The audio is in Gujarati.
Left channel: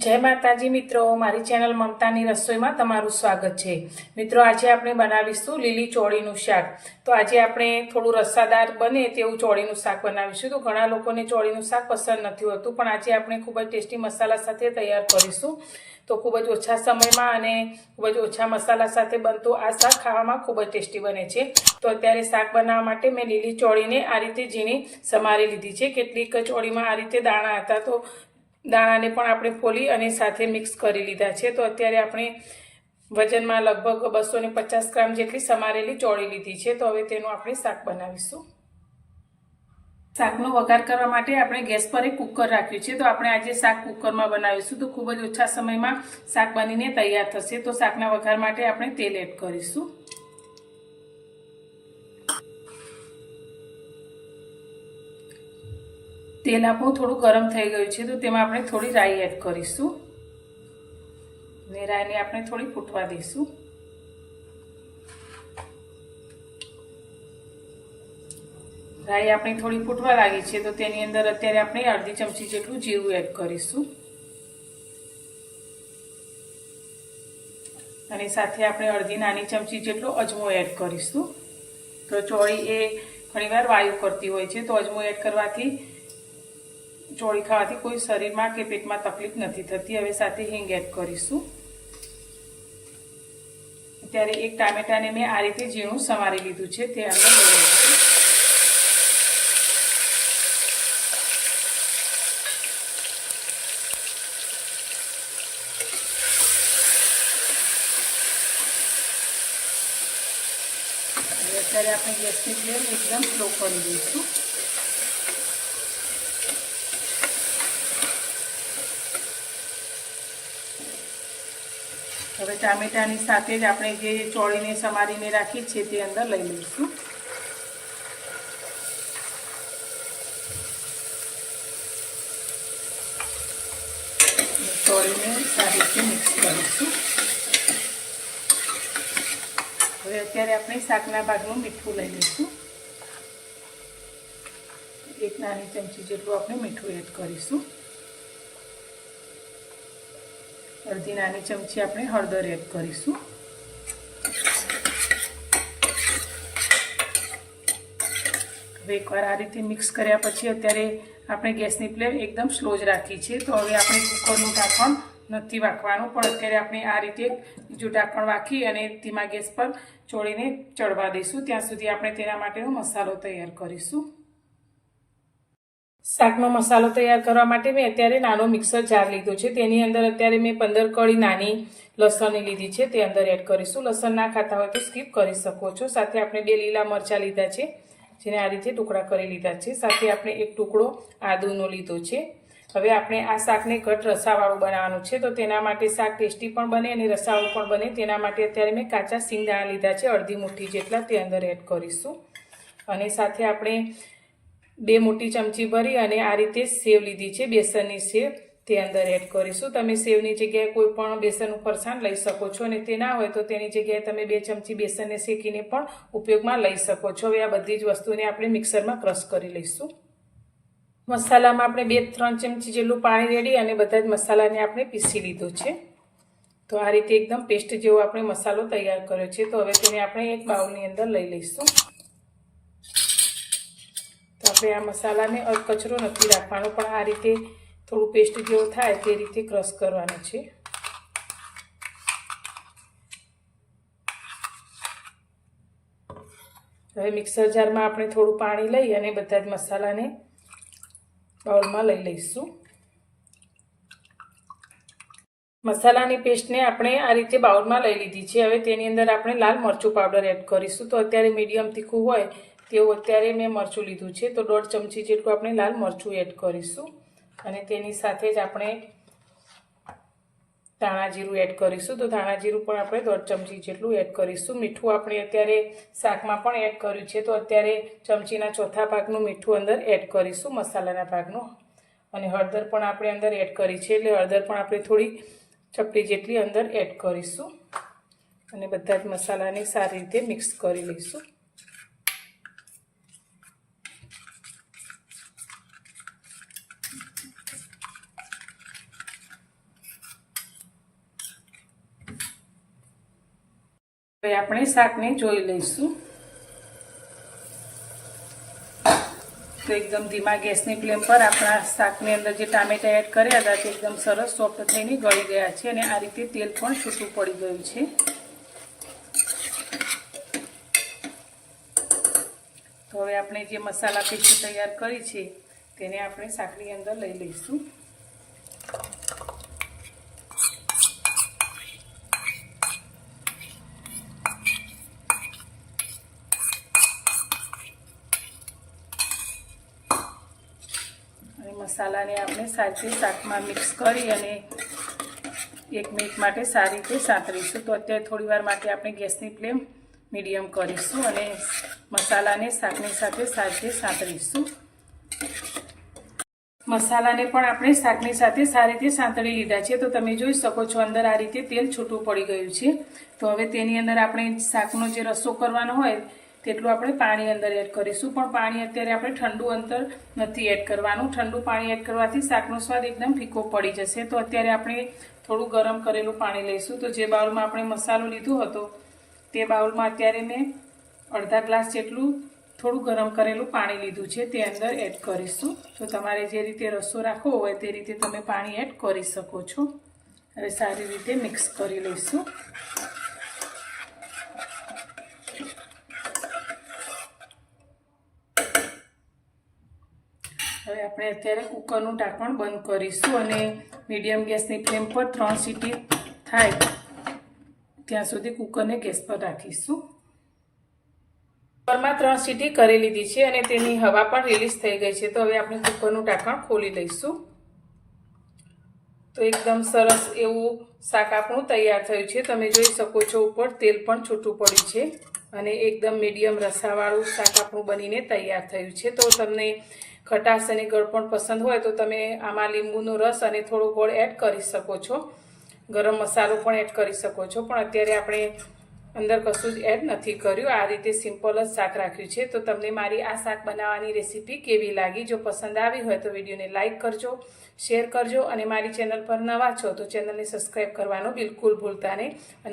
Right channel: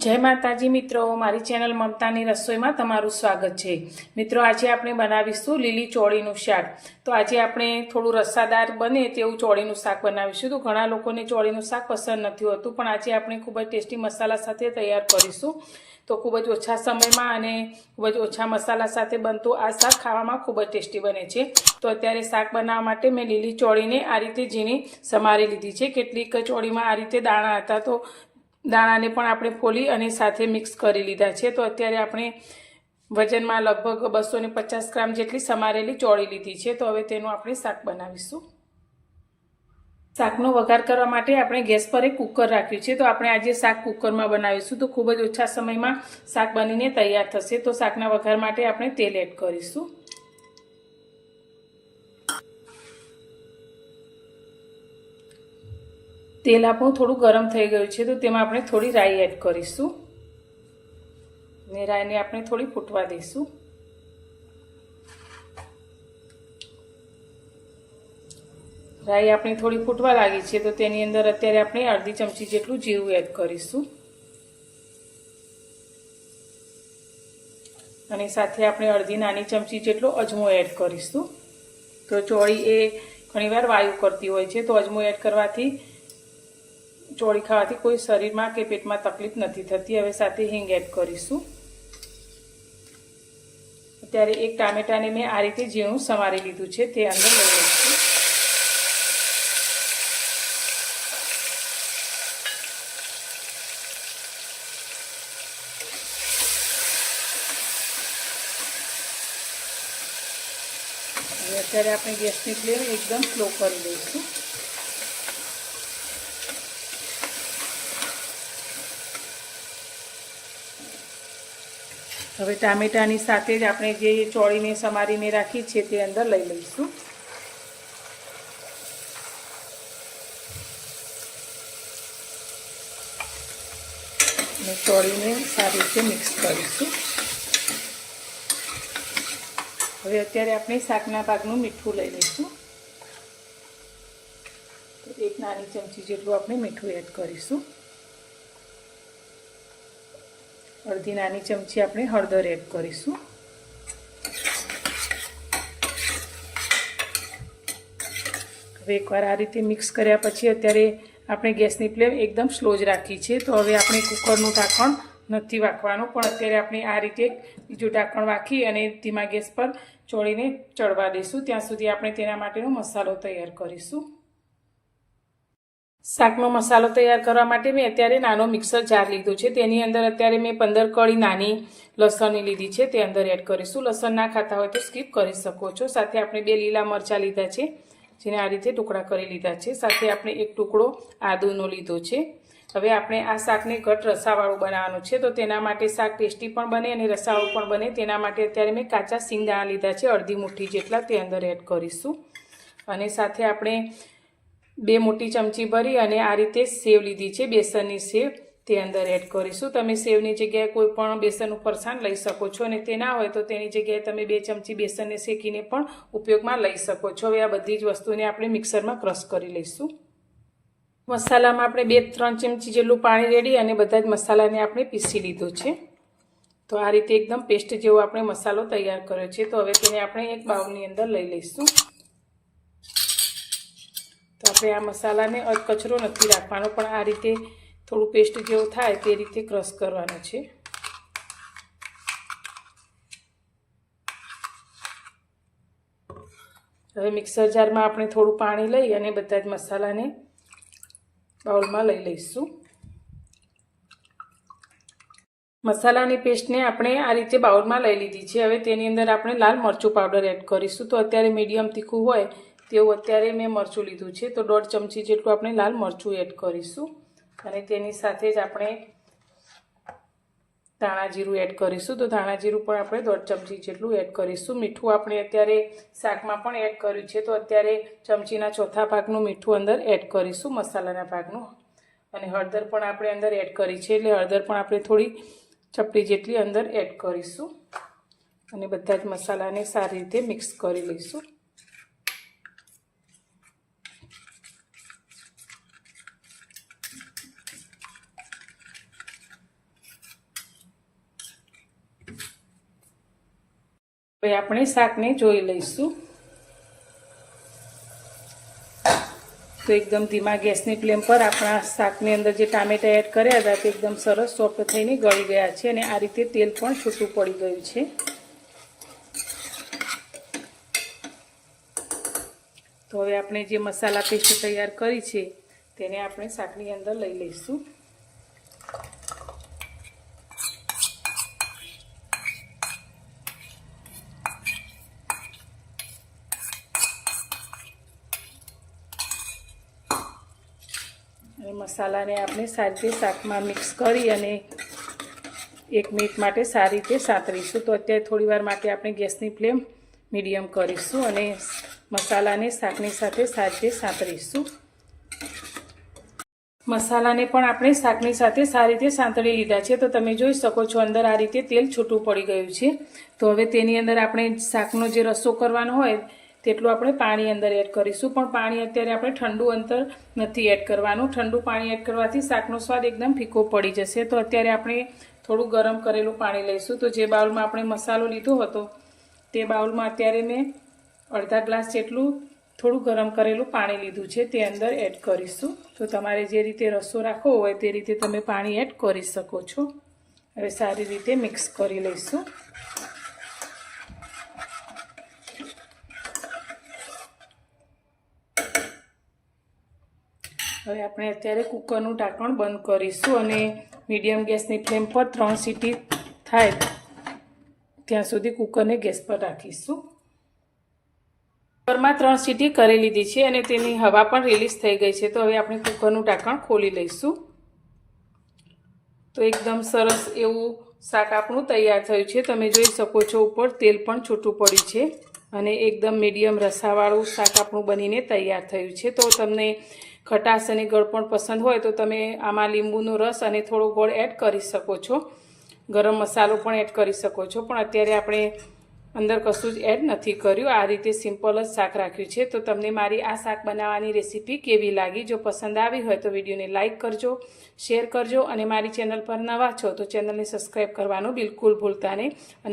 जय माताजी मित्रों, मारी चेनल ममतानी रसोईमां तमारुं स्वागत है। मित्रों, आज आपणे बनावीशुं लीली चोळीनुं शाक। तो आज आपणे थोड़ुं रसादार बने तेवुं चोळीनुं शाक बनावीशुं। तो घणा लोकोने चोळीनुं शाक पसंद नथी होतुं, पण आज आपणे खूब ज टेस्टी मसाला साथे तैयार करीशुं। तो खूब ज ओछा समयमां अने खूब ज ओछा मसाला साथे बनतुं आ शाक खावामां खूब ज टेस्टी बने छे। तो अत्यारे शाक बनाववा माटे मैं लीली चोळीने आ रीते झीणी समारी लीधी छे। કેટલીક ચોળીમાં आ रीते दाणा हता तो दाणाने पण આપણે ફોલી અને સાથે મિક્સ કરી લીધા છે। તો અત્યારે આપણે વજનમાં લગભગ 250 ગ્રામ જેટલી સમારેલી ચોળી લીધી છે। તો હવે તેનું આપણે શાક બનાવીશું। શાકનો વઘાર કરવા માટે આપણે ગેસ પર એક કુકર રાખ્યું છે। તો આપણે આજે શાક કુકરમાં બનાવીશું, તો ખૂબ જ ઓછા સમયમાં શાક બનીને તૈયાર થશે। તો શાકના વઘાર માટે આપણે તેલ એડ કરીશું। तेल આપણું થોડું ગરમ થઈ ગયું છે, તો તેમાં આપણે થોડી રાઈ એડ કરીશું અને રાઈને આપણે થોડી ફૂટવા દઈશું। રાઈ આપણી થોડી ફૂટવા લાગી છે, તો તેની અંદર અત્યારે આપણે અડધી ચમચી જેટલું જીરું એડ કરીશું અને સાથે આપણે અડધી નાની ચમચી જેટલો અજમો એડ કરીશું। તો ચોળી એ ઘણીવાર વાયુ કરતી હોય છે, તો અજમો એડ કરવાથી ચોળી ખાવાથી कोई शरीर में के पेट में तकलीफ नहीं थती। हवे साथे हींग एड करीशुं। अत्यारे एक टामेटा ने मैं आ रीते झीणुं समारी लीधुं छे, ते अंदर लई लईशुं। अत्यारे आपणे गैसनी फ्लेम एकदम स्लो करी दईशुं। હવે ટામેટાની સાથે જ આપણે જે ચોળીને સમારીને રાખી છે તે અંદર લઈ લઈશું। અને ચોળીને સારી રીતે મિક્સ કરીશું। હવે અત્યારે આપણે શાકના ભાગનું મીઠું લઈ લઈશું। એક નાની ચમચી જેટલું આપણે મીઠું એડ કરીશું। अर्धी नानी चमची आपणे हळदर एड करीशुं। हवे एकवार आ रीते मिक्स कर्या पछी अत्यारे आपणे गैसनी फ्लेम एकदम स्लो ज राखी छे। तो हवे आपणे कुकरनुं ढांकण नथी वाखवानुं, पण अत्यारे आपणे आ रीते बीजुं ढांकण वाखी अने धीमा गैस पर ચોળીને ચડવા દઈશું। ત્યાં સુધી આપણે તેના માટેનો મસાલો તૈયાર કરીશું। શાકનો મસાલો તૈયાર કરવા માટે મેં અત્યારે નાનો મિક્સર જાર લીધો છે। તેની અંદર અત્યારે મેં 15 કળી નાની લસણની લીધી છે, તે અંદર એડ કરીશું। લસણ ના ખાતા હોય તો સ્કીપ કરી શકો છો। સાથે આપણે 2 લીલા મરચાં લીધા છે, જેને આ રીતે ટુકડા કરી લીધા છે। સાથે આપણે એક ટુકડો આદુનો લીધો છે। હવે આપણે આ શાકને ઘટ રસાવાળું બનાવવાનું છે, તો તેના માટે શાક ટેસ્ટી પણ બને અને રસાવાળું પણ બને તેના માટે અત્યારે મેં કાચા સિંગદાણા લીધા છે, અડધી મુઠ્ઠી જેટલા, તે અંદર એડ કરીશું। અને સાથે આપણે 2 मोटी चमची भरी अने आ रीते सेव लीधी छे, बेसननी सेव, ते अंदर एड करीशुं। तमे सेवनी जग्याए कोईपण बेसननुं फरसाण लई शको छो अने ते ना होय तो तेनी जग्याए तमे 2 चमची बेसनने शेकीने पण उपयोगमां लई शको छो। हवे आ बधी ज वस्तुने आपणे मिक्सरमां क्रश करी लईशुं। मसालामां आपणे 2-3 चमची जेटલું पाणी रेडी अने बधा ज मसालाने आपणे पीसी लीधो छे। तो आ रीते एकदम पेस्ट जेवो आपणे मसालो तैयार कर्यो छे। तो हवे तेने आपणे एक बाउलनी अंदर लई लईशुं। આપણે આ મસાલાને કચરો નથી રાખવાનો, પણ આ રીતે થોડું પેસ્ટ જેવું થાય તે રીતે ક્રશ કરવાનો છે। હવે મિક્સર જારમાં આપણે થોડું પાણી લઈ અને બધા જ મસાલાને બાઉલમાં લઈ લઈશું। મસાલાની પેસ્ટને આપણે આ રીતે બાઉલમાં લઈ લીધી છે। હવે તેની અંદર આપણે લાલ મરચું પાવડર એડ કરીશું। તો અત્યારે મીડિયમ તીખું હોય તેવું અત્યારે મેં મરચું લીધું છે, તો 1.5 ચમચી જેટલું આપણે લાલ મરચું એડ કરીશું અને તેની સાથે જ આપણે ધાણા જીરું એડ કરીશું। તો ધાણા જીરું પણ આપણે 1.5 ચમચી જેટલું એડ કરીશું। મીઠું આપણે અત્યારે શાકમાં પણ એડ કર્યું છે, તો અત્યારે ચમચીના ચોથા ભાગનું મીઠું અંદર એડ કરીશું, મસાલાના ભાગનું। અને હળદર પણ આપણે અંદર એડ કરી છે, એટલે હળદર પણ આપણે થોડી ચપટી જેટલી અંદર એડ કરીશું અને બધા જ મસાલાને સારી રીતે મિક્સ કરી લઈશું। હવે આપણે શાકને જોઈ લઈશું. તો એકદમ ધીમા ગેસની ફ્લેમ પર આપણા શાકની અંદર જે ટામેટા એડ કર્યા હતા તે એકદમ સરસ સોફ્ટ થઈને ગળી ગયા છે અને આ રીતે તેલ પણ છૂટું પડી ગયું છે. તો હવે આપણે જે મસાલા પેસ્ટ તૈયાર કરી છે તેને આપણે શાકની અંદર લઈ લઈશું. મસાલાને આપણે સારી રીતે શાકમાં મિક્સ કરી અને 1 મિનિટ માટે સારી રીતે સાંતળીશું. તો અત્યારે થોડી વાર માટે આપણે ગેસની ફ્લેમ મીડિયમ કરીશું અને મસાલાને શાકની સાથે સારી રીતે સાંતળીશું. મસાલાને પણ આપણે શાકની સાથે સારી રીતે સાંતળી લીધા છે. તો તમે જોઈ શકો છો અંદર આ રીતે તેલ છૂટું પડી ગયું છે. તો હવે તેની અંદર આપણે શાકનો જે રસો કરવાનો હોય તેટલું આપણે પાણી અંદર એડ કરીશું. પણ પાણી અત્યારે આપણે ઠંડુ અંદર નથી એડ કરવાનું. ઠંડુ પાણી એડ કરવાથી શાકનો સ્વાદ એકદમ ફીકો પડી જશે. તો અત્યારે આપણે થોડું ગરમ કરેલું પાણી લઈશું. તો જે બાઉલમાં આપણે મસાલો લીધો હતો તે બાઉલમાં અત્યારે મેં અડધા ગ્લાસ જેટલું થોડું ગરમ કરેલું પાણી લીધું છે તે અંદર એડ કરીશું. તો તમારે જે રીતે રસો રાખવો હોય તે રીતે તમે પાણી એડ કરી શકો છો. હવે સારી રીતે મિક્સ કરી લઈશું. હવે આપણે અત્યારે કુકરનું ઢાંકણ બંધ કરીશું અને મીડિયમ ગેસની ફ્લેમ પર 3 સીટી થાય ત્યાં સુધી કુકરને ગેસ પર રાખીશું. કુકરમાં 3 સીટી કરી લીધી છે અને તેની હવા પણ રિલીઝ થઈ ગઈ છે. તો હવે આપણે કુકરનું ઢાંકણ ખોલી લઈશું. તો એકદમ સરસ એવું શાક આપણું તૈયાર થયું છે. તમે જોઈ શકો છો ઉપર તેલ પણ છૂટું પડ્યું છે અને એકદમ મીડિયમ રસાવાળું શાક આપણું બનીને તૈયાર થયું છે. તો તમને ખટાશ અને ગળપણ પસંદ હોય તો તમે આમાં લીંબુનો રસ અને થોડો ગોળ એડ કરી શકો છો. ગરમ મસાલો પણ એડ કરી શકો છો. પણ અત્યારે આપણે અંદર કશું જ એડ નથી કર્યું. આ રીતે સિમ્પલ જ શાક રાખ્યું છે. તો તમને મારી આ શાક બનાવવાની રેસીપી કેવી લાગી? જો પસંદ આવી હોય તો વિડીયોને લાઇક કરજો, શેર કરજો અને મારી ચેનલ પર નવા છો તો ચેનલને સબસ્ક્રાઈબ કરવાનું બિલકુલ ભૂલતા નહીં.